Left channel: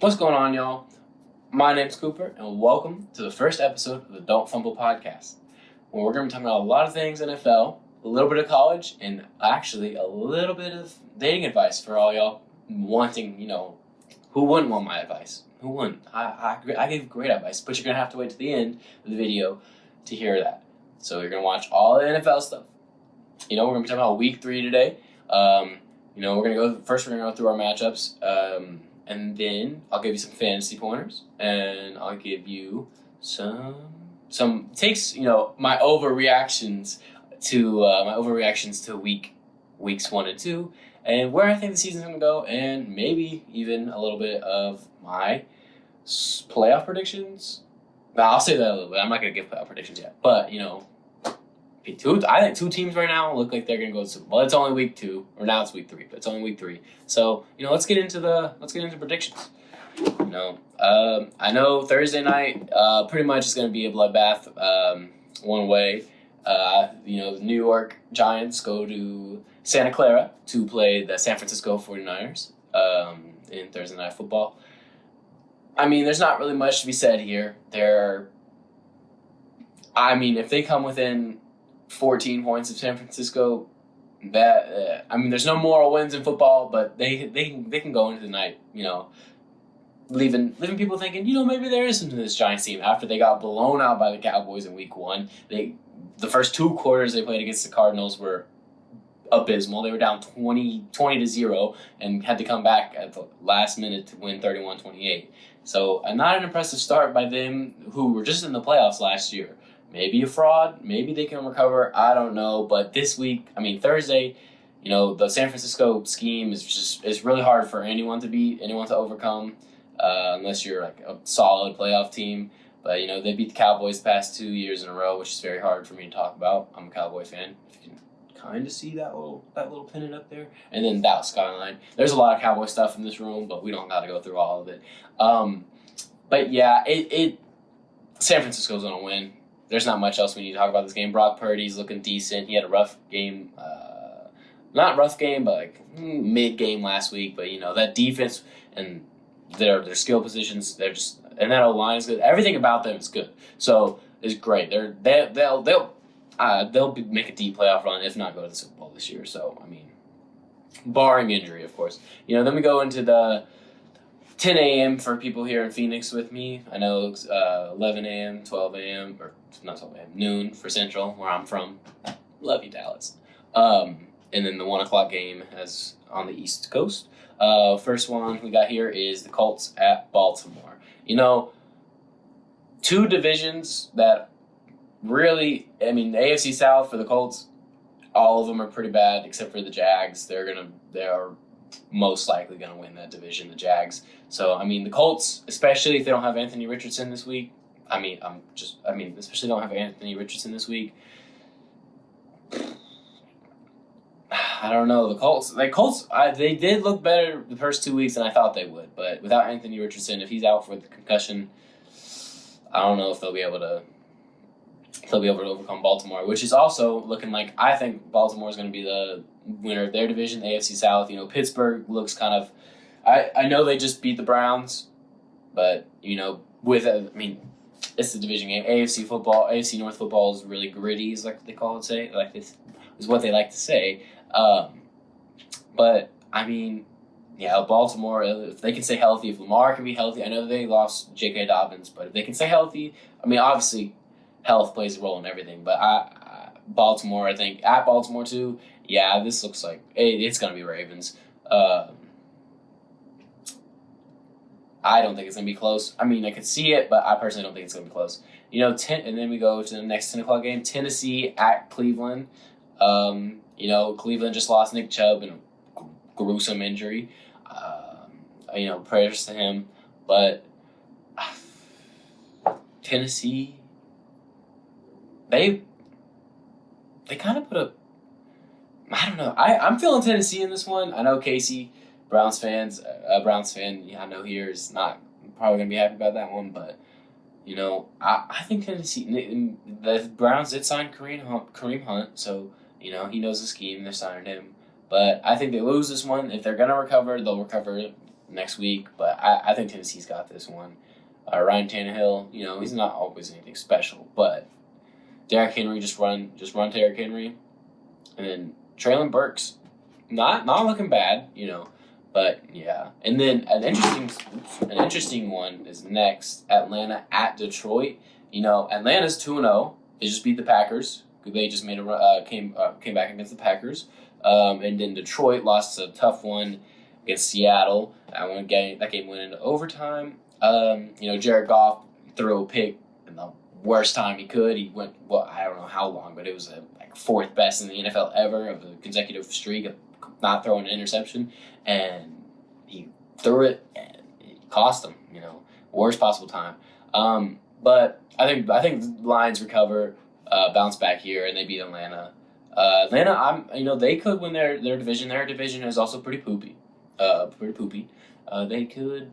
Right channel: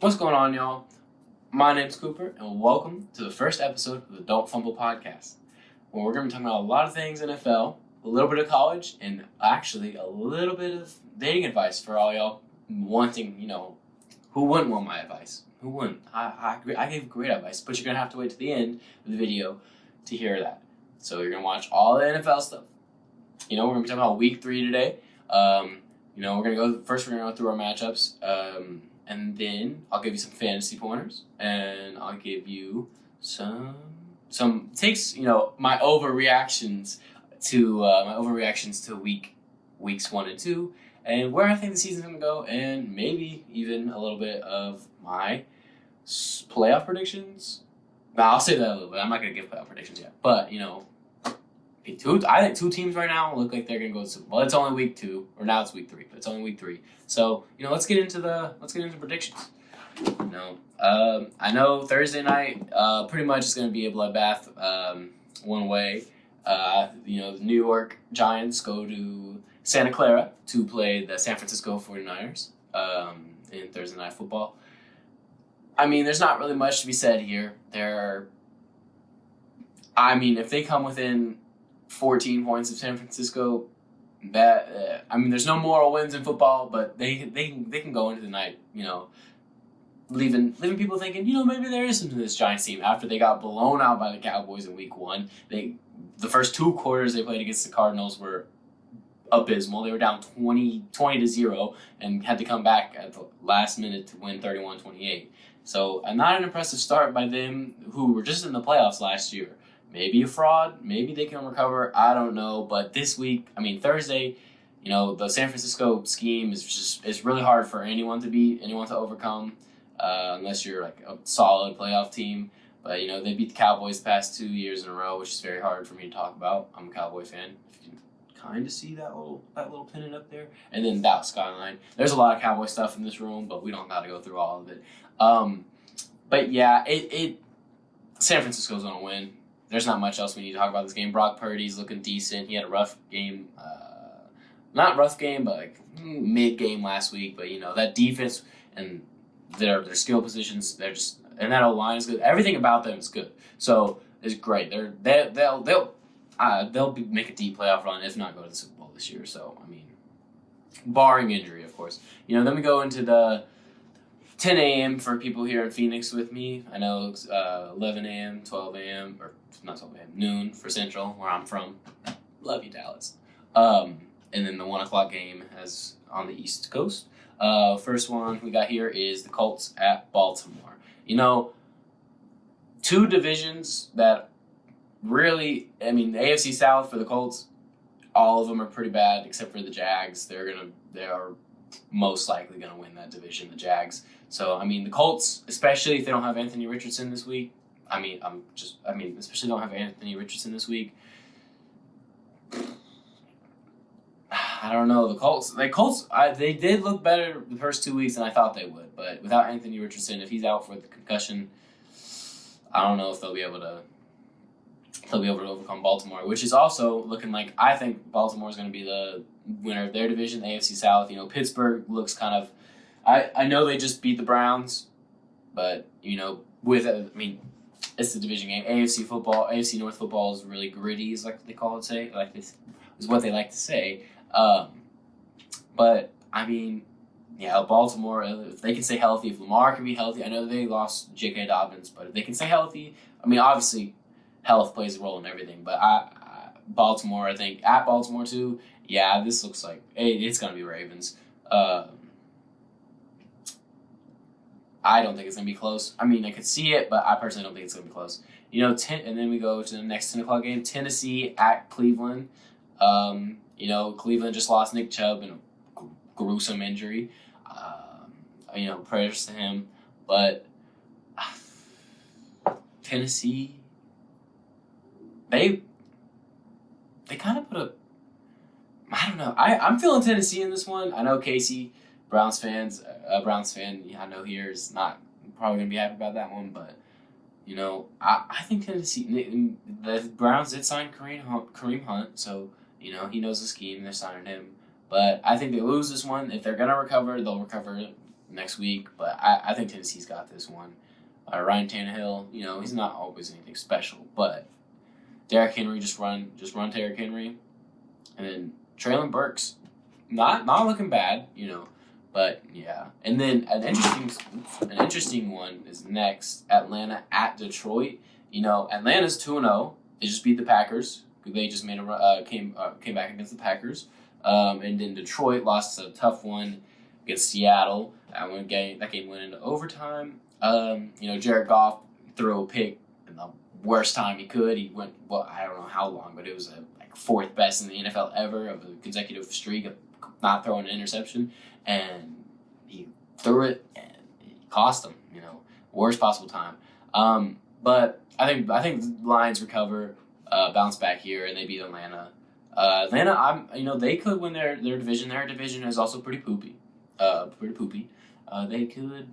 What's going on, y'all? My name's Cooper, and welcome to the first episode of the Don't Fumble podcast, where we're going to be talking about a lot of things NFL, a little bit of college, and actually a little bit of dating advice for all y'all wanting, who wouldn't want my advice? Who wouldn't? I give great advice, but you're going to have to wait to the end of the video to hear that. So you're going to watch all the NFL stuff. We're going to be talking about week 3 today. We're going to go through our matchups. And then I'll give you some fantasy pointers, and I'll give you some takes. My overreactions to weeks 1 and 2, and where I think the season's gonna go, and maybe even a little bit of my playoff predictions. Now I'll say that a little bit. I'm not gonna give playoff predictions yet, but I think 2 teams right now look like they're gonna go to. Well, it's only week 2, or now it's week 3, but it's only week 3. So let's get into predictions. I know Thursday night pretty much is gonna be a bloodbath one way. The New York Giants go to Santa Clara to play the San Francisco 49ers in Thursday Night Football. I mean, there's not really much to be said here. If they come within 14 points of San Francisco, there's no moral wins in football, but they can go into the night, leaving people thinking, maybe there is something to this Giants team after they got blown out by the Cowboys in week 1. The first 2 quarters they played against the Cardinals were abysmal. They were down 20-0 and had to come back at the last minute to win 31-28. So not an impressive start by them, who were just in the playoffs last year. Maybe a fraud. Maybe they can recover. I don't know. But this week, Thursday, the San Francisco scheme is really hard for anyone to beat, anyone to overcome, unless you're like a solid playoff team. But they beat the Cowboys the past 2 years in a row, which is very hard for me to talk about. I'm a Cowboy fan. If you can kind of see that little pennant up there, and then Dallas skyline. There's a lot of Cowboy stuff in this room, but we don't got to go through all of it. But yeah, San Francisco's gonna win. There's not much else we need to talk about this game. Brock Purdy's looking decent. He had a rough game. Not rough game, but like mid-game last week. But, that defense and their skill positions, and that O-line is good. Everything about them is good. So it's great. They'll make a deep playoff run, if not go to the Super Bowl this year. So, barring injury, of course. Then we go into the 10 a.m. for people here in Phoenix with me. I know it's 11 a.m., 12 a.m., or not 12 a.m., noon for Central, where I'm from. Love you, Dallas. And then the 1 o'clock game as on the East Coast. First one we got here is the Colts at Baltimore. 2 divisions that really, the AFC South for the Colts, all of them are pretty bad except for the Jags. They are most likely going to win that division, the Jags. So, the Colts, especially if they don't have Anthony Richardson this week, especially don't have Anthony Richardson this week, I don't know. The Colts, they did look better the first 2 weeks than I thought they would. But without Anthony Richardson, if he's out for the concussion, I don't know if they'll be able to overcome Baltimore, which is also looking like, I think Baltimore is going to be the winner of their division, the AFC South. Pittsburgh looks kind of, I know they just beat the Browns, but, it's the division game. AFC North football is really gritty, is like they call it, is what they like to say. But, Baltimore, if they can stay healthy, if Lamar can be healthy, I know they lost J.K. Dobbins, but if they can stay healthy, obviously health plays a role in everything, but Baltimore, I think, at Baltimore too, this looks like it's going to be Ravens. I don't think it's going to be close. I could see it, but I personally don't think it's going to be close. And then we go to the next 10 o'clock game, Tennessee at Cleveland. Cleveland just lost Nick Chubb in a gruesome injury. Prayers to him. But Tennessee, they kind of put I don't know. I'm feeling Tennessee in this one. I know Casey, Browns fan, I know here is not probably going to be happy about that one, but, I think Tennessee, the Browns did sign Kareem Hunt, so, he knows the scheme, they're signing him. But I think they lose this one. If they're going to recover, they'll recover next week, but I think Tennessee's got this one. Ryan Tannehill, he's not always anything special, but Derrick Henry just run Derrick Henry, and then Traylon Burks, not looking bad, but yeah. And then an interesting one is next: Atlanta at Detroit. Atlanta's 2-0. They just beat the Packers. They just made came back against the Packers. And then Detroit lost a tough one against Seattle. That game went into overtime. Jared Goff threw a pick in the worst time he could. He went, I don't know how long, but it was like fourth best in the NFL ever of a consecutive streak of not throwing an interception. And he threw it, and it cost him, worst possible time. But I think the Lions recover, bounce back here, and they beat Atlanta. Atlanta, they could win their division. Their division is also pretty poopy. They could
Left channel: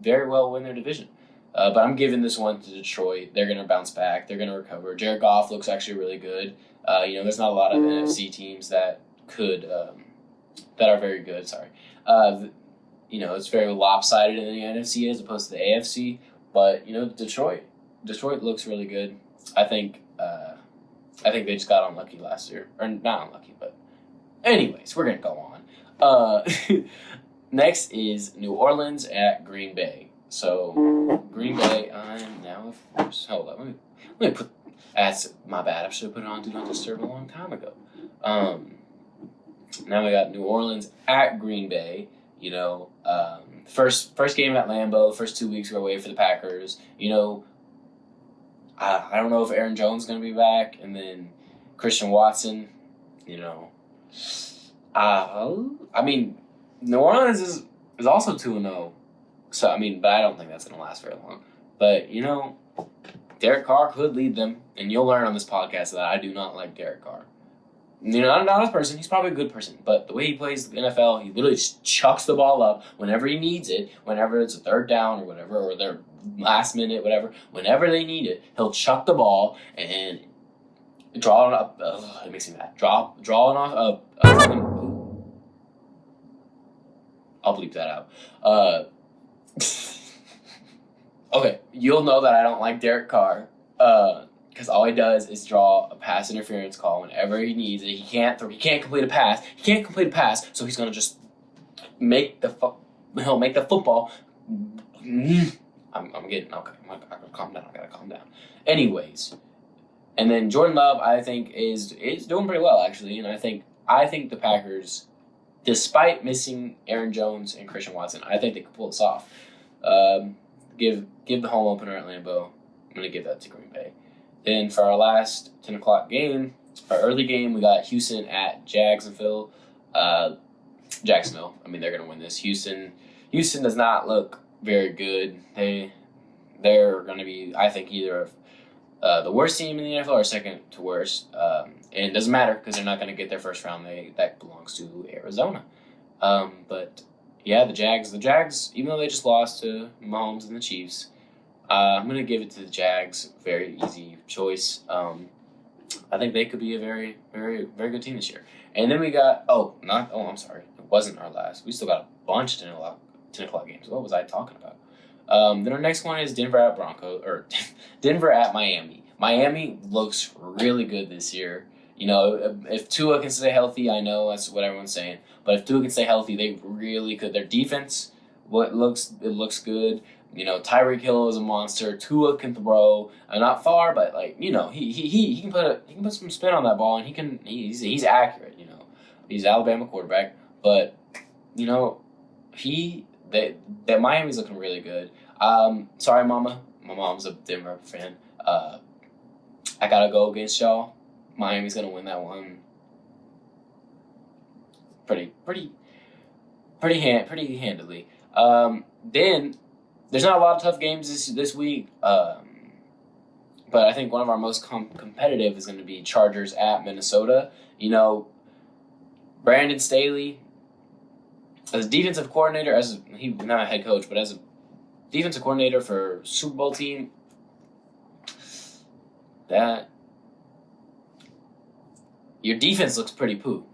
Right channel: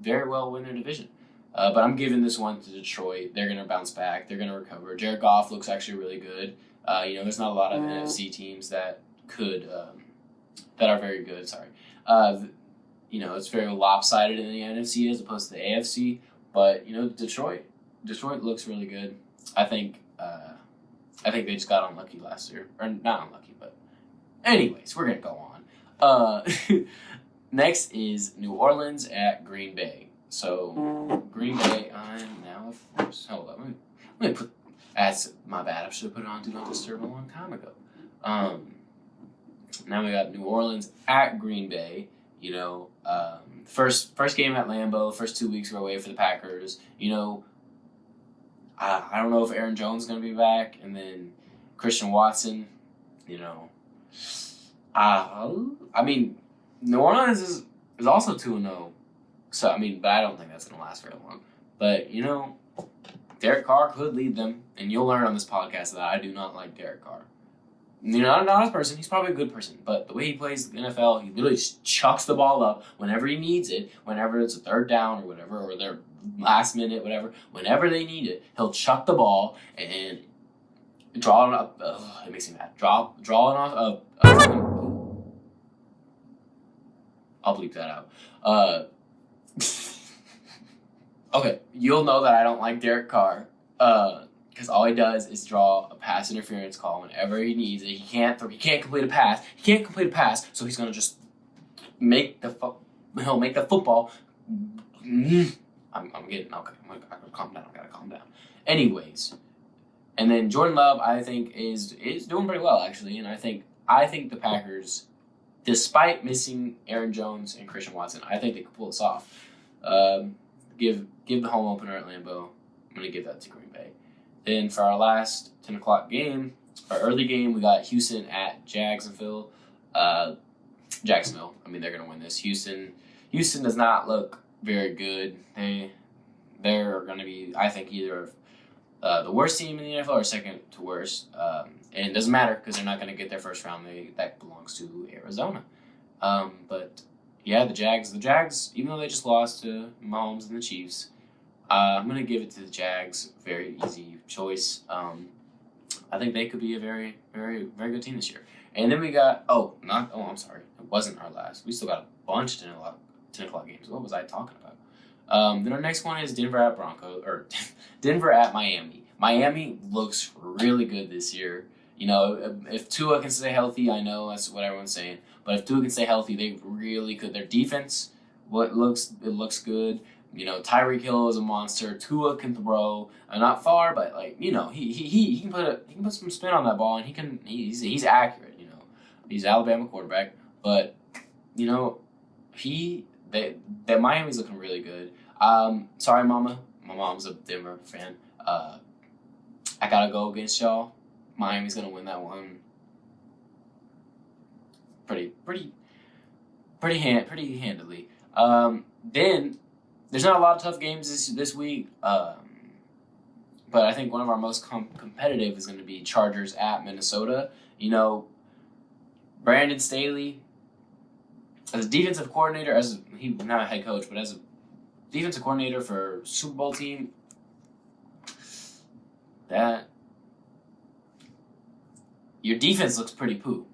very well win their division. But I'm giving this one to Detroit. They're going to bounce back. They're going to recover. Jared Goff looks actually really good. There's not a lot of NFC teams that could that are very good. Sorry. It's very lopsided in the NFC as opposed to the AFC. But Detroit looks really good. I think they just got unlucky last year, or not unlucky, but anyways, we're gonna go on. Next is New Orleans at Green Bay. So Green Bay, I'm now first. Hold on, let me put. That's my bad. I should have put it on Do Not Disturb a long time ago. Now we got New Orleans at Green Bay. First game at Lambeau. First 2 weeks we're away for the Packers. I don't know if Aaron Jones is going to be back, and then Christian Watson. New Orleans is also 2-0. So but I don't think that's going to last very long. But Derek Carr could lead them, and you'll learn on this podcast that I do not like Derek Carr. Not as a person. He's probably a good person, but the way he plays the NFL, he literally just chucks the ball up whenever he needs it, whenever it's a third down or whatever, or their last minute, whatever. Whenever they need it, he'll chuck the ball and draw it up. It makes me mad. Draw it off. I'll bleep that out. Okay, you'll know that I don't like Derek Carr. Because all he does is draw a pass interference call whenever he needs it. He can't complete a pass. So he's gonna just make the he'll make the football. I'm getting okay. I gotta calm down. Anyways, and then Jordan Love, I think is doing pretty well actually, and I think the Packers, despite missing Aaron Jones and Christian Watson, I think they could pull this off. Give the home opener at Lambeau. I'm gonna give that to Green Bay. Then for our last 10 o'clock game, our early game, we got Houston at Jacksonville. Jacksonville. They're going to win this. Houston does not look very good. They're going to be, I think, either the worst team in the NFL or second to worst. And it doesn't matter because they're not going to get their first round. That belongs to Arizona. But yeah, the Jags, even though they just lost to Mahomes and the Chiefs, I'm going to give it to the Jags. Very easy choice. I think they could be a very, very, very good team this year. And then we got, I'm sorry. It wasn't our last. We still got a bunch of 10 o'clock games. What was I talking about? Then our next one is Denver at Miami. Miami looks really good this year. If Tua can stay healthy, I know that's what everyone's saying. But if Tua can stay healthy, they really could. Their defense, it looks good. Tyreek Hill is a monster. Tua can throw, not far, but he can put some spin on that ball, and he's accurate. He's an Alabama quarterback, but that Miami's looking really good. Sorry, Mama. My mom's a Denver fan. I gotta go against y'all. Miami's gonna win that one. Pretty handily. Then. There's not a lot of tough games this week, but I think one of our most competitive is going to be Chargers at Minnesota. Brandon Staley, as a defensive coordinator, he's not a head coach, but as a defensive coordinator for Super Bowl team, that your defense looks pretty poo.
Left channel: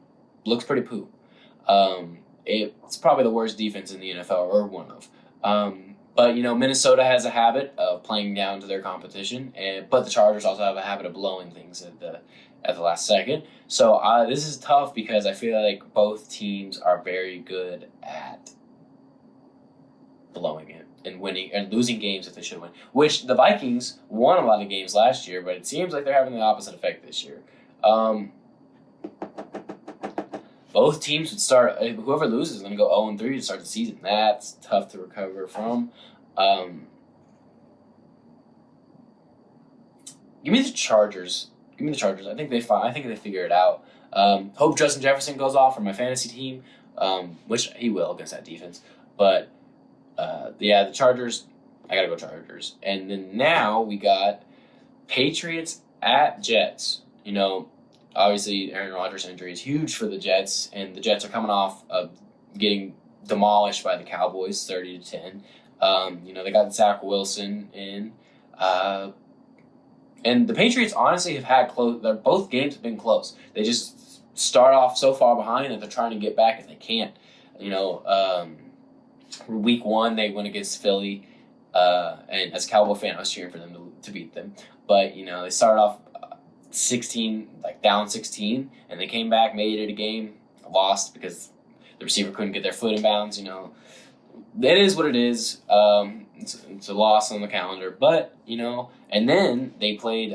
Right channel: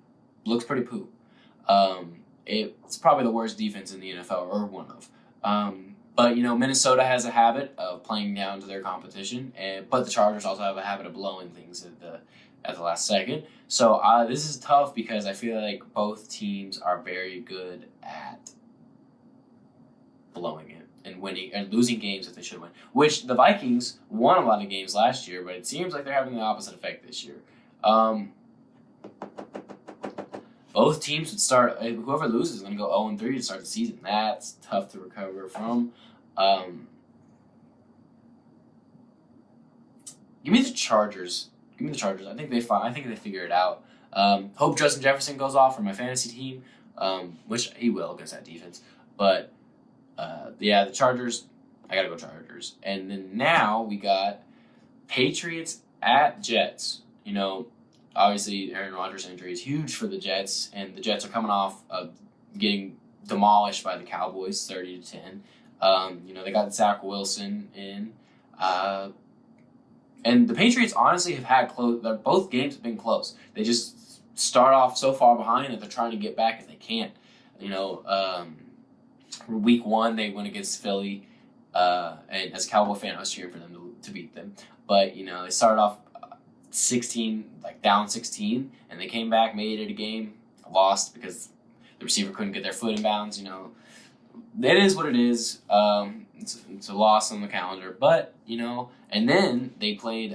it's probably the worst defense in the NFL, or one of. But Minnesota has a habit of playing down to their competition, but the Chargers also have a habit of blowing things at the last second. So this is tough because I feel like both teams are very good at blowing it and winning and losing games if they should win. Which the Vikings won a lot of games last year, but it seems like they're having the opposite effect this year. Both teams would start. Whoever loses is going to go 0-3 to start the season. That's tough to recover from. Give me the Chargers. I think they figure it out. Hope Justin Jefferson goes off for my fantasy team, which he will against that defense. But the Chargers. I gotta go Chargers. And then now we got Patriots at Jets. Obviously, Aaron Rodgers' injury is huge for the Jets, and the Jets are coming off of getting demolished by the Cowboys, 30-10. They got Zach Wilson in, and the Patriots honestly have had close. Both games have been close. They just start off so far behind that they're trying to get back and they can't. Week 1 they went against Philly, and as a Cowboy fan, I was cheering for them to beat them. But they started off 16, down 16, and they came back, made it a game, lost because the receiver couldn't get their foot in bounds. It is what it is. It's a loss on the calendar, but and then they played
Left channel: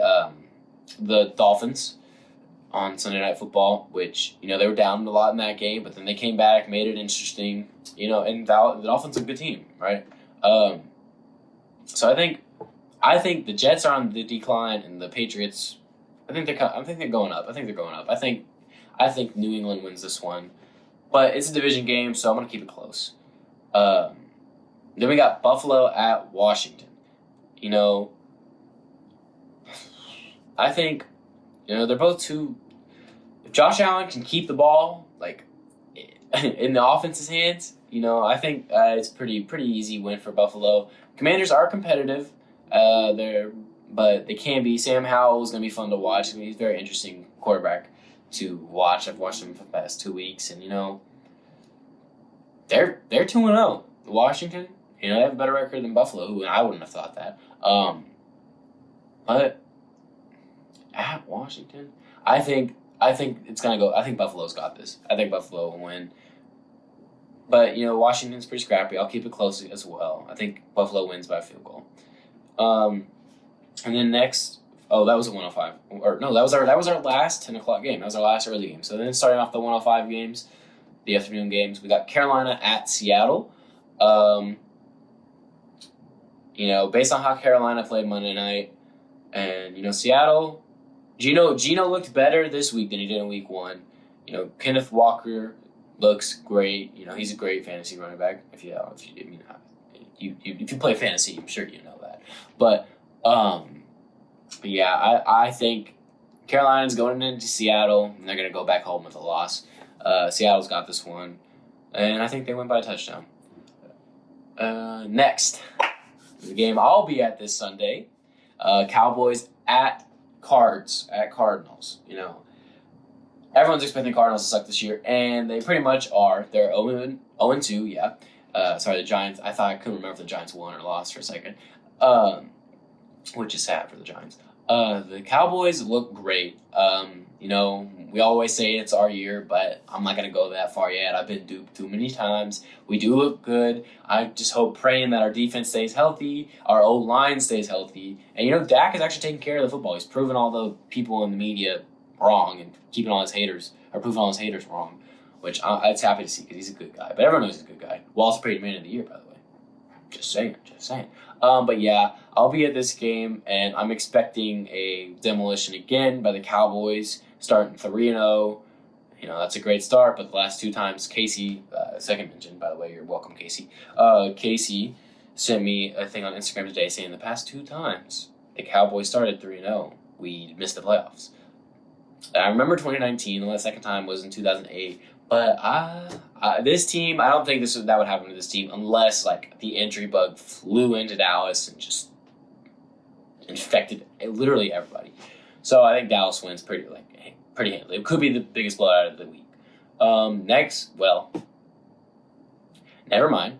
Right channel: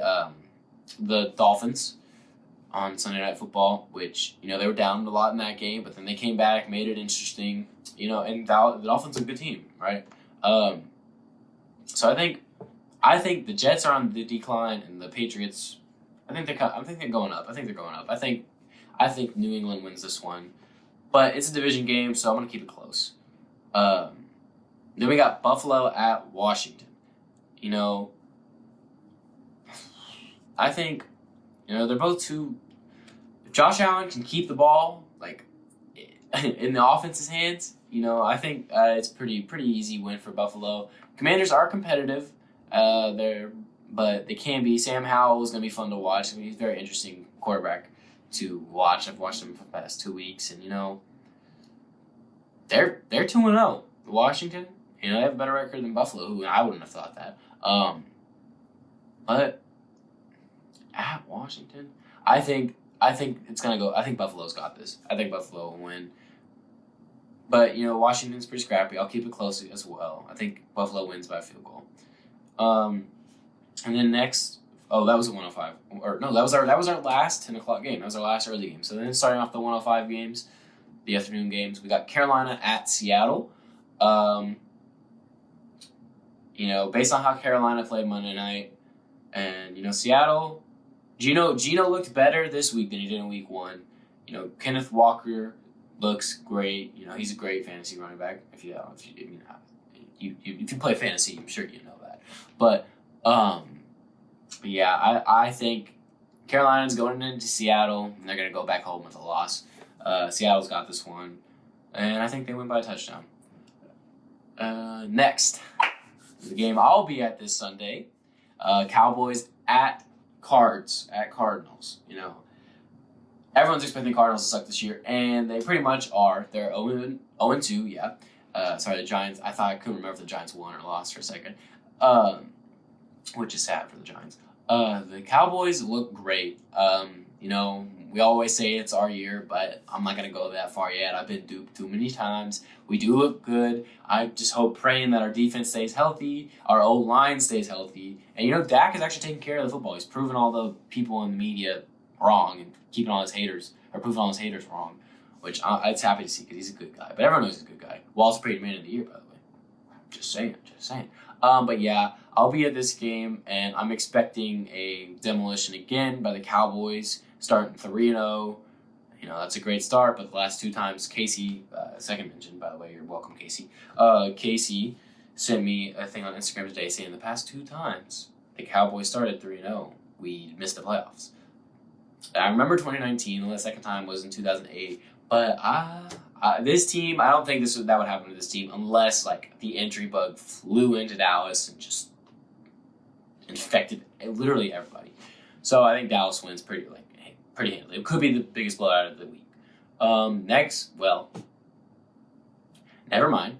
the Dolphins on Sunday Night Football, which they were down a lot in that game, but then they came back, made it interesting. And the Dolphins are a good team, right? So I think the Jets are on the decline, and the Patriots. I think they're going up. I think New England wins this one, but it's a division game, so I'm gonna keep it close. Then we got Buffalo at Washington. I think they're both two. If Josh Allen can keep the ball in the offense's hands, I think it's pretty easy win for Buffalo. Commanders are competitive. But they can be. Sam Howell is going to be fun to watch. He's a very interesting quarterback to watch. I've watched him for the past 2 weeks, and they're 2-0. Washington, they have a better record than Buffalo, who I wouldn't have thought that. But at Washington, I think it's going to go. I think Buffalo's got this. I think Buffalo will win. But Washington's pretty scrappy. I'll keep it close as well. I think Buffalo wins by a field goal. And then next, that was a 105. Or no, that was our last 10 o'clock game. That was our last early game. So then starting off the 105 games, the afternoon games, we got Carolina at Seattle. Based on how Carolina played Monday night, and Seattle, Gino looked better this week than he did in week 1. Kenneth Walker looks great. He's a great fantasy running back. If you play fantasy, I'm sure you know that. But I think Carolina's going into Seattle, and they're going to go back home with a loss. Seattle's got this one, and I think they win by a touchdown. Next, the game I'll be at this Sunday, Cowboys at Cardinals. Everyone's expecting Cardinals to suck this year, and they pretty much are. They're 0-2, yeah. The Giants, I couldn't remember if the Giants won or lost for a second. Which is sad for the Giants. The Cowboys look great. We always say it's our year, but I'm not going to go that far yet. I've been duped too many times. We do look good. I just praying that our defense stays healthy, our O-line stays healthy. And, Dak is actually taking care of the football. He's proven all the people in the media wrong and proving all his haters wrong, which I'm happy to see because he's a good guy. But everyone knows he's a good guy. Walter Payton Man of the Year, by the way. Just saying. But yeah, I'll be at this game, and I'm expecting a demolition again by the Cowboys, starting 3-0. That's a great start, but the last 2 times, Casey, second mention, by the way, you're welcome, Casey. Casey sent me a thing on Instagram today saying the past 2 times the Cowboys started 3-0, we missed the playoffs. I remember 2019, the second time was in 2008, but this team, I don't think that would happen to this team unless the injury bug flew into Dallas and just infected literally everybody. So I think Dallas wins pretty handily. It could be the biggest blowout of the week. Next, Never mind.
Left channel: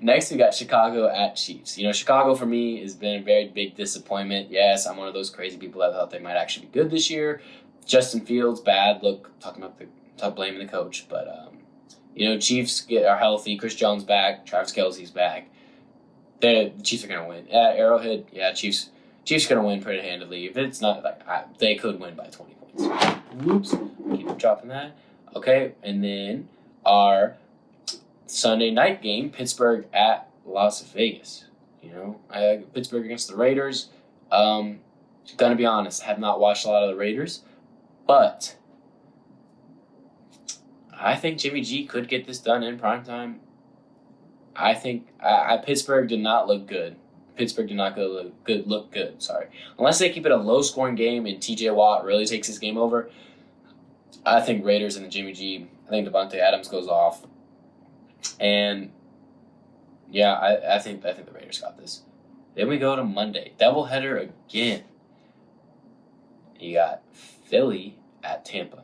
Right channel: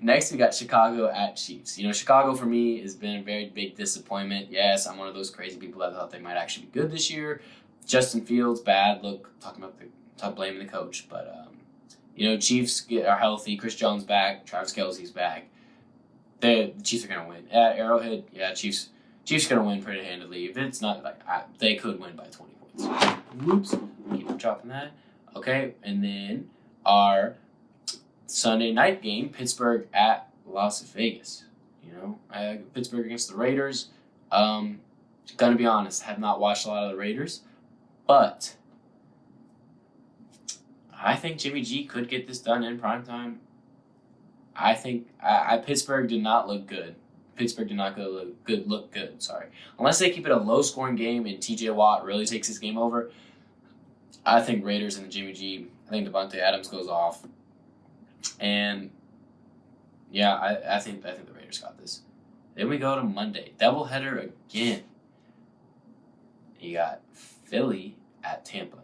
Next, we got Chicago at Chiefs. Chicago for me has been a very big disappointment. Yes, I'm one of those crazy people that thought they might actually be good this year. Justin Fields, bad. Look, blaming the coach. But, Chiefs are healthy. Chris Jones back. Travis Kelce's back. The Chiefs are going to win. At Arrowhead, Chiefs are going to win pretty handily. If it's not, they could win by 20 points. Oops. Keep dropping that. Okay, and then our Sunday night game, Pittsburgh at Las Vegas. Pittsburgh against the Raiders. Gonna be honest, have not watched a lot of the Raiders, but I think Jimmy G could get this done in primetime. I think Pittsburgh did not look good. Pittsburgh did not look good. Sorry, unless they keep it a low-scoring game and T.J. Watt really takes this game over. I think Raiders and the Jimmy G. I think Devontae Adams goes off. And I think the Raiders got this. Then we go to Monday, doubleheader again. You got Philly at Tampa.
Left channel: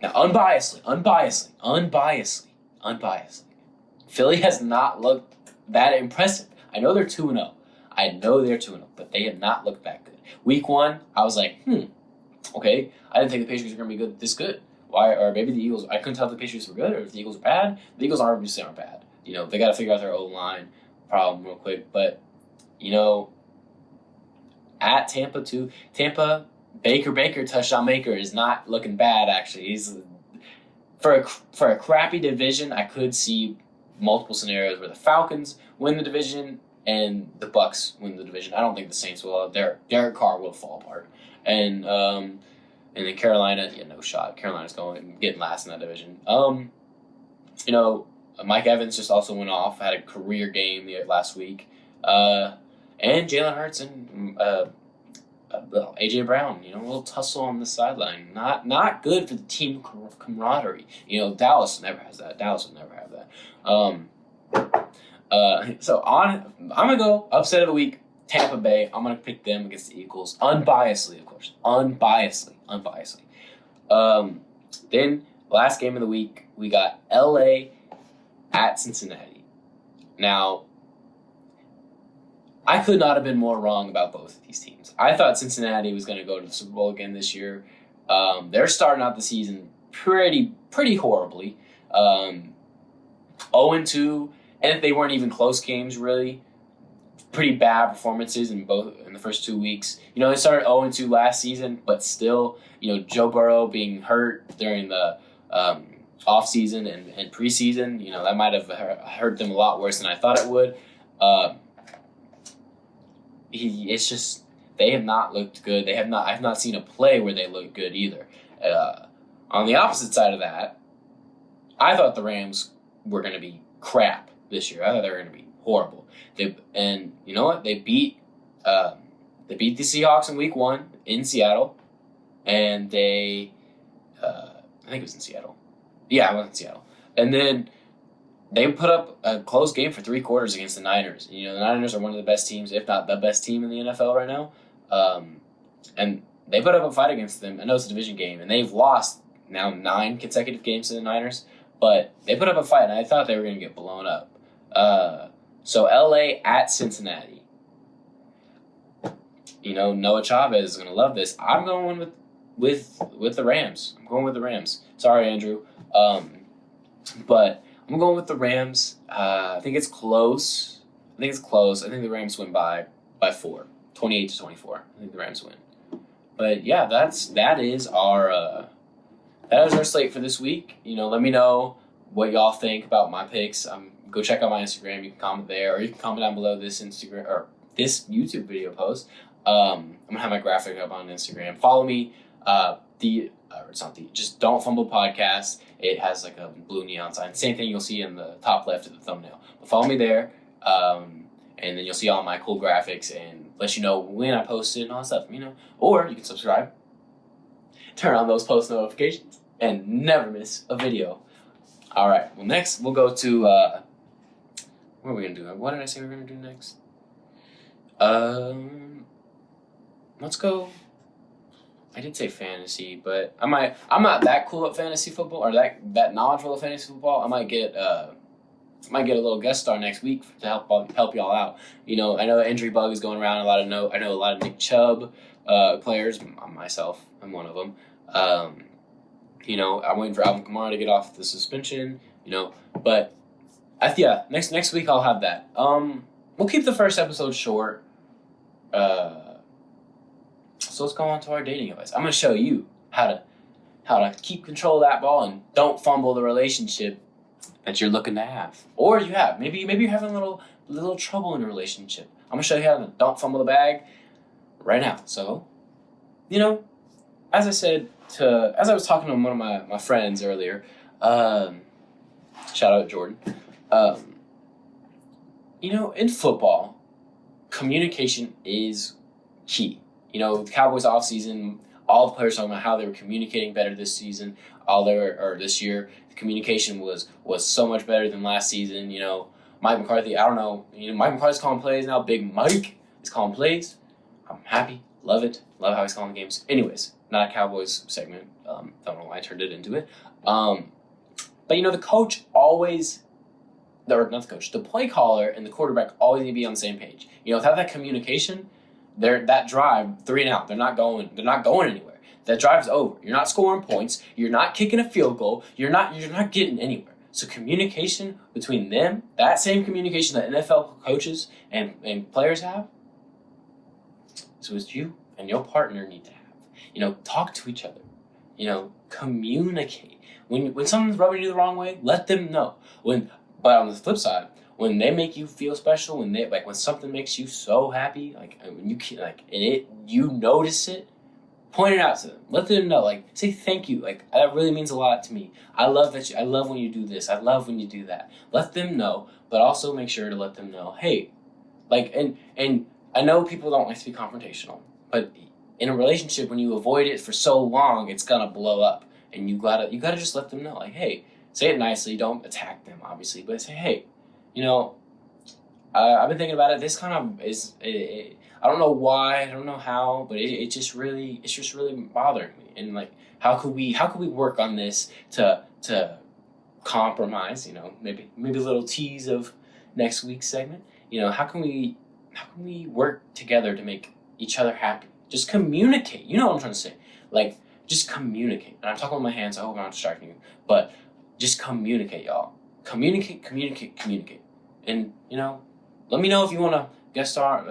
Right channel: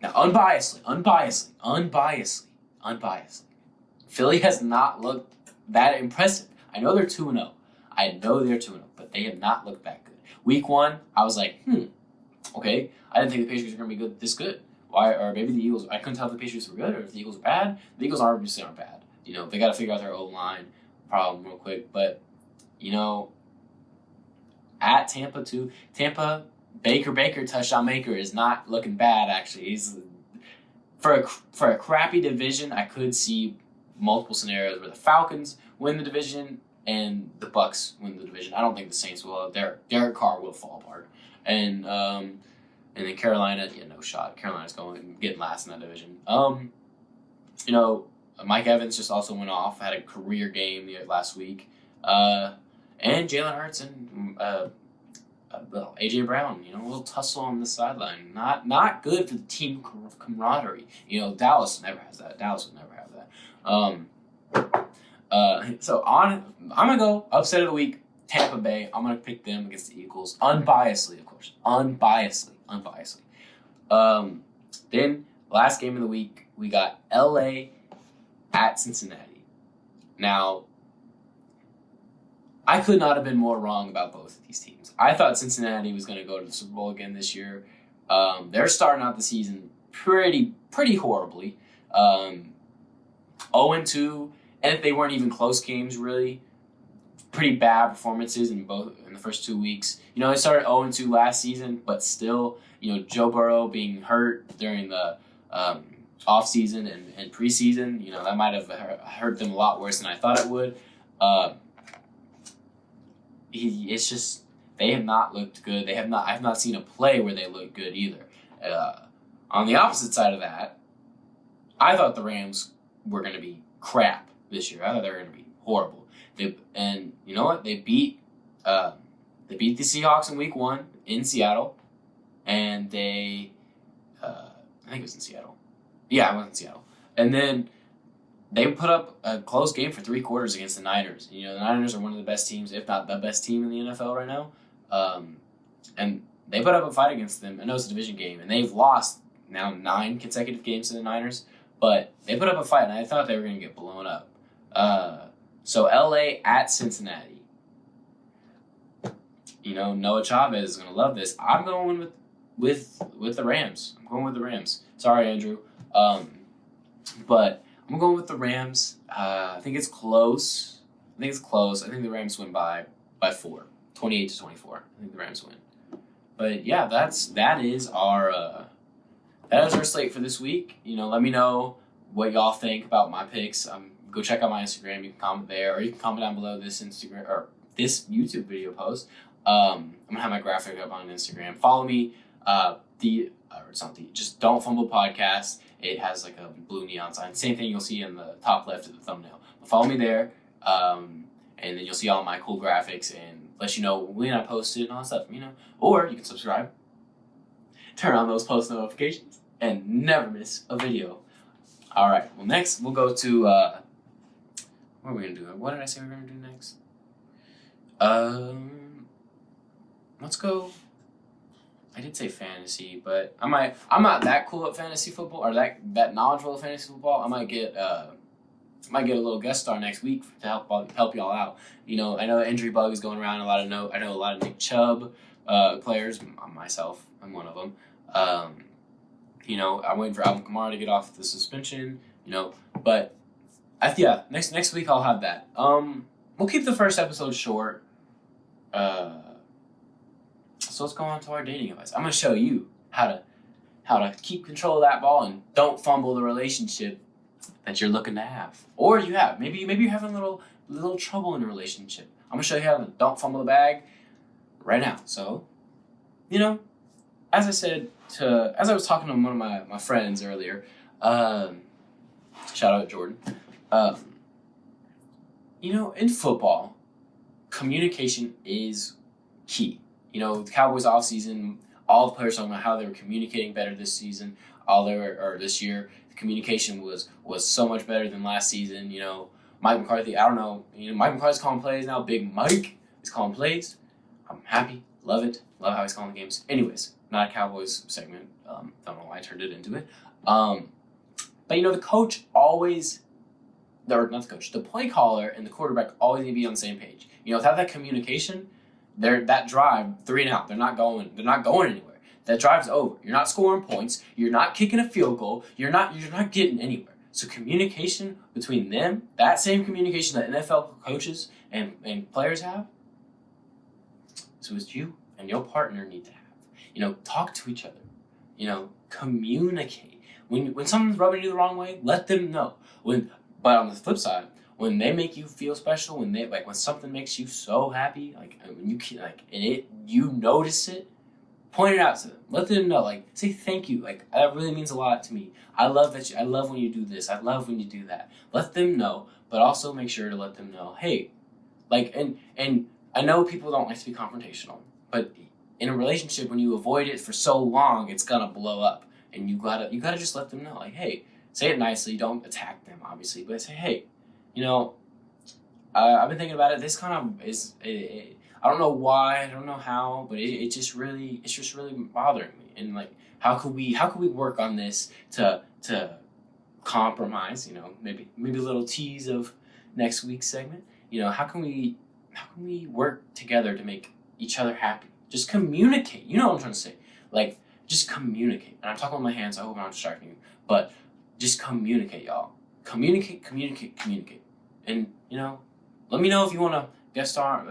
Now, unbiasedly, Philly has not looked that impressive. I know they're 2-0. But they have not looked that good. Week 1, I was like, okay. I didn't think the Patriots were going to be this good. Why? Or maybe the Eagles. I couldn't tell if the Patriots were good or if the Eagles were bad. The Eagles obviously aren't bad. They got to figure out their O-line problem real quick. But, at Tampa too. Tampa, Baker touchdown maker is not looking bad actually. He's for a crappy division. I could see multiple scenarios where the Falcons win the division and the Bucks win the division. I don't think the Saints will. Derek Carr will fall apart. And then Carolina, no shot. Carolina's getting last in that division. Mike Evans just also went off, had a career game last week. And Jalen Hurts and A.J. Brown, a little tussle on the sideline. Not good for the team camaraderie. Dallas never has that. Dallas would never have that. So I'm going to go upset of the week, Tampa Bay. I'm going to pick them against the Eagles. Unbiasedly, of course. Unbiasedly. Then, last game of the week, we got L.A. at Cincinnati. Now, I could not have been more wrong about both of these teams. I thought Cincinnati was going to go to the Super Bowl again this year. They're starting out the season pretty horribly. 0-2, and if they weren't even close games, really, pretty bad performances in the first 2 weeks. They started 0-2 last season, but still, Joe Burrow being hurt during the off season and preseason, that might have hurt them a lot worse than I thought it would. It's just they have not looked good. I've not seen a play where they look good either. On the opposite side of that, I thought the Rams were going to be crap this year. I thought they were going to be horrible. And you know what? They beat the Seahawks in Week 1 in Seattle, and I think it was in Seattle. Yeah, it was in Seattle. And then they put up a close game for 3 quarters against the Niners. The Niners are one of the best teams, if not the best team in the NFL right now. And they put up a fight against them. I know it's a division game, and they've lost now 9 consecutive games to the Niners. But they put up a fight, and I thought they were going to get blown up. So L.A. at Cincinnati. Noah Chavez is going to love this. I'm going with the Rams. I'm going with the Rams. Sorry, Andrew. But I'm going with the Rams. I think it's close. I think the Rams win by 4, 28-24. I think the Rams win. But yeah, that is our slate for this week. Let me know what y'all think about my picks. Go check out my Instagram. You can comment there, or you can comment down below this Instagram or this YouTube video post. I'm gonna have my graphic up on Instagram. Follow me. Just Don't Fumble podcast. It has like a blue neon sign. Same thing you'll see in the top left of the thumbnail. But follow me there, and then you'll see all my cool graphics and let you know when I post it and all that stuff. Or you can subscribe, turn on those post notifications, and never miss a video. All right. Well, next we'll go to what are we gonna do? What did I say we were gonna do next? Let's go. I did say fantasy, but I'm not that cool at fantasy football or that knowledgeable of fantasy football. I might get a little guest star next week to help y'all out. I know the injury bug is going around. I know a lot of Nick Chubb players. Myself, I'm one of them. I'm waiting for Alvin Kamara to get off the suspension. But next week I'll have that. We'll keep the first episode short. So let's go on to our dating advice. I'm gonna show you how to keep control of that ball and don't fumble the relationship that you're looking to have, or you have. Maybe you're having a little trouble in your relationship. I'm gonna show you how to don't fumble the bag right now. So, as I was talking to one of my friends earlier, shout out Jordan. In football, communication is key. The Cowboys off season, all the players talking about how they were communicating better this season, this year. The communication was so much better than last season. Mike McCarthy, I don't know. Mike McCarthy's calling plays now. Big Mike is calling plays. I'm happy. Love it. Love how he's calling the games. Anyways, not a Cowboys segment. Don't know why I turned it into it. But the coach always, or not the coach, the play caller and the quarterback always need to be on the same page. Without that communication, that drive 3 and out. They're not going anywhere. That drive's over. You're not scoring points. You're not kicking a field goal. You're not getting anywhere. So communication between them, that same communication that NFL coaches and players have, so it's you and your partner need to have. Talk to each other. Communicate. When someone's rubbing you the wrong way, let them know. But on the flip side, when they make you feel special, when something makes you so happy, you notice it, point it out to them. Let them know. Say thank you. That really means a lot to me. I love when you do this. I love when you do that. Let them know, but also make sure to let them know, hey, and I know people don't like to be confrontational, but in a relationship, when you avoid it for so long, it's gonna blow up, and you gotta just let them know, hey, say it nicely. Don't attack them, obviously, but say, hey. I've been thinking about it. This kind of is. I don't know why. I don't know how, but it's just really bothering me. And how could we work on this to compromise? Maybe a little tease of next week's segment. How can we work together to make each other happy? Just communicate. You know what I'm trying to say. Just communicate. And I'm talking with my hands. I hope I'm not distracting you, but just communicate, y'all. Communicate. And, let me know if you want to guest star,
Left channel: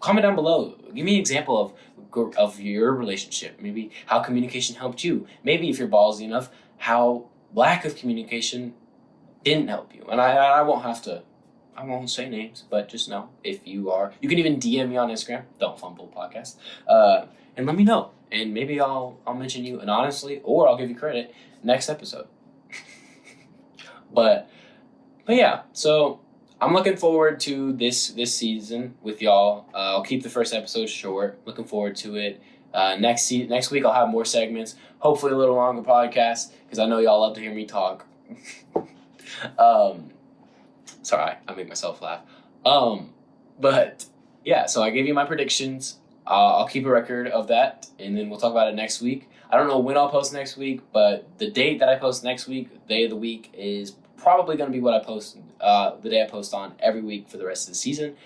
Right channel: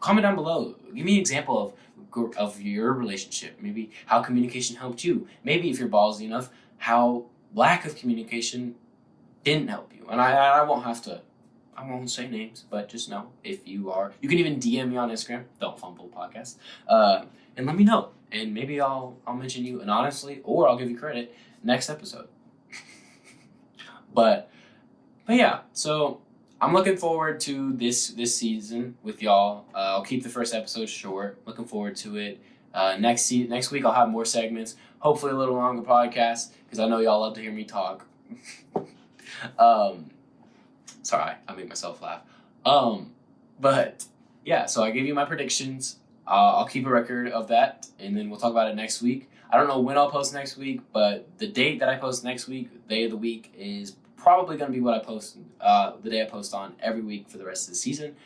comment down below. Give me an example of your relationship. Maybe how communication helped you. Maybe if you're ballsy enough, how lack of communication didn't help you. And I won't say names, but just know if you are. You can even DM me on Instagram, Don't Fumble Podcast, and let me know. And maybe I'll mention you anonymously, or I'll give you credit next episode. But yeah, so I'm looking forward to this season with y'all. I'll keep the first episode short. Looking forward to it. Next week I'll have more segments. Hopefully a little longer podcast because I know y'all love to hear me talk. Sorry, I make myself laugh. But yeah, so I gave you my predictions. I'll keep a record of that, and then we'll talk about it next week. I don't know when I'll post next week, but the date that I post next week, day of the week, is probably going to be what I post, the day I post on every week for the rest of the season.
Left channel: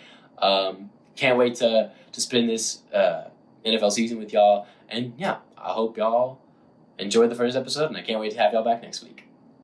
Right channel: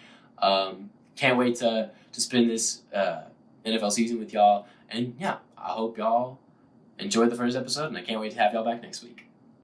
Can't wait to spend this NFL season with y'all. And yeah, I hope y'all enjoyed the first episode, and I can't wait to have y'all back next week.